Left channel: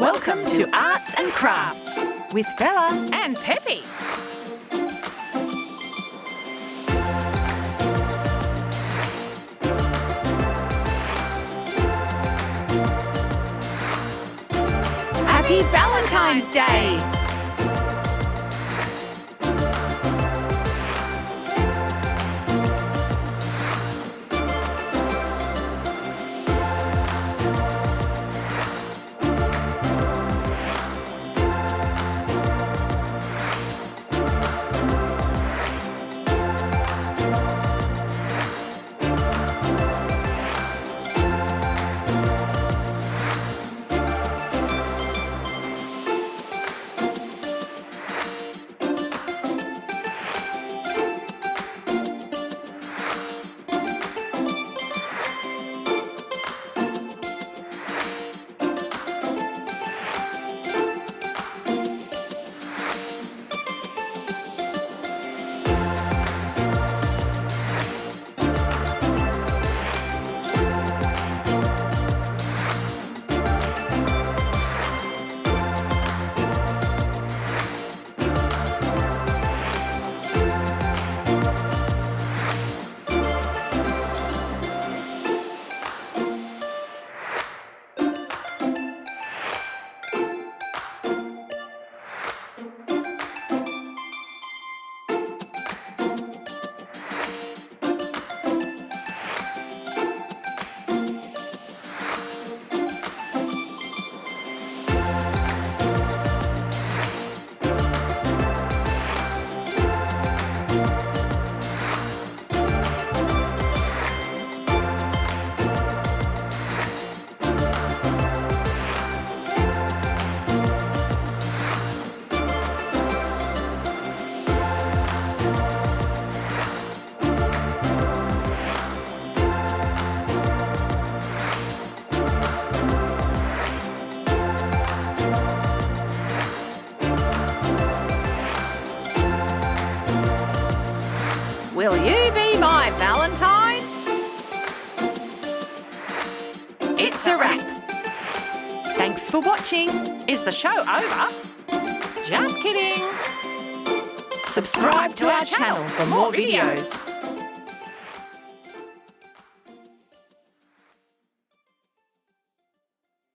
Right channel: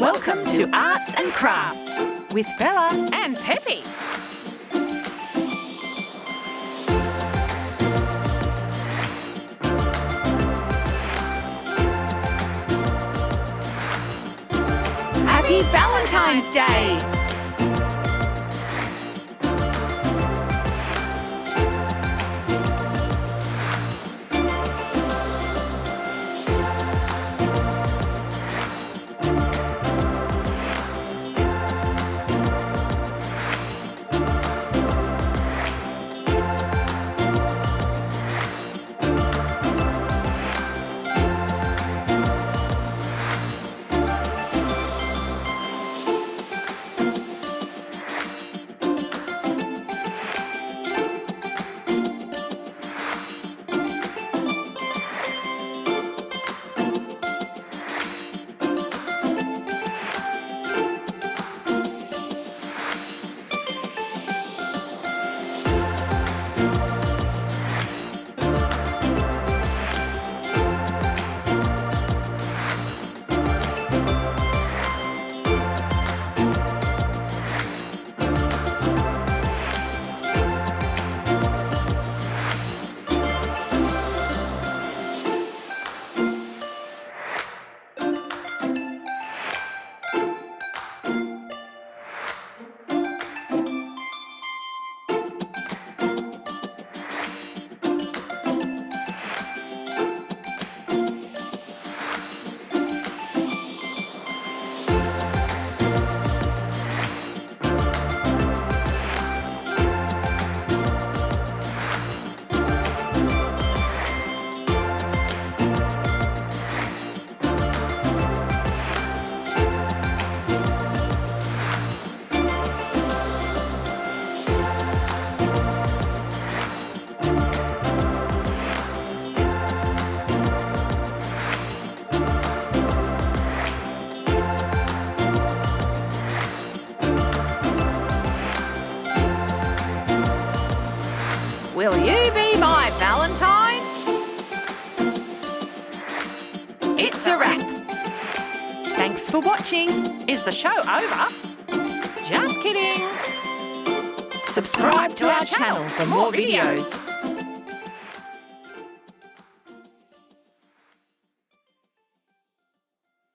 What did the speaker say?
Welcome to Arts and Crafts with Bella and Pepe. Happy Valentine's Day! Will you be my Valentine? It's a wrap. Thanks for watching. Is the show over? Just kidding. Subscribe to our channel for more videos.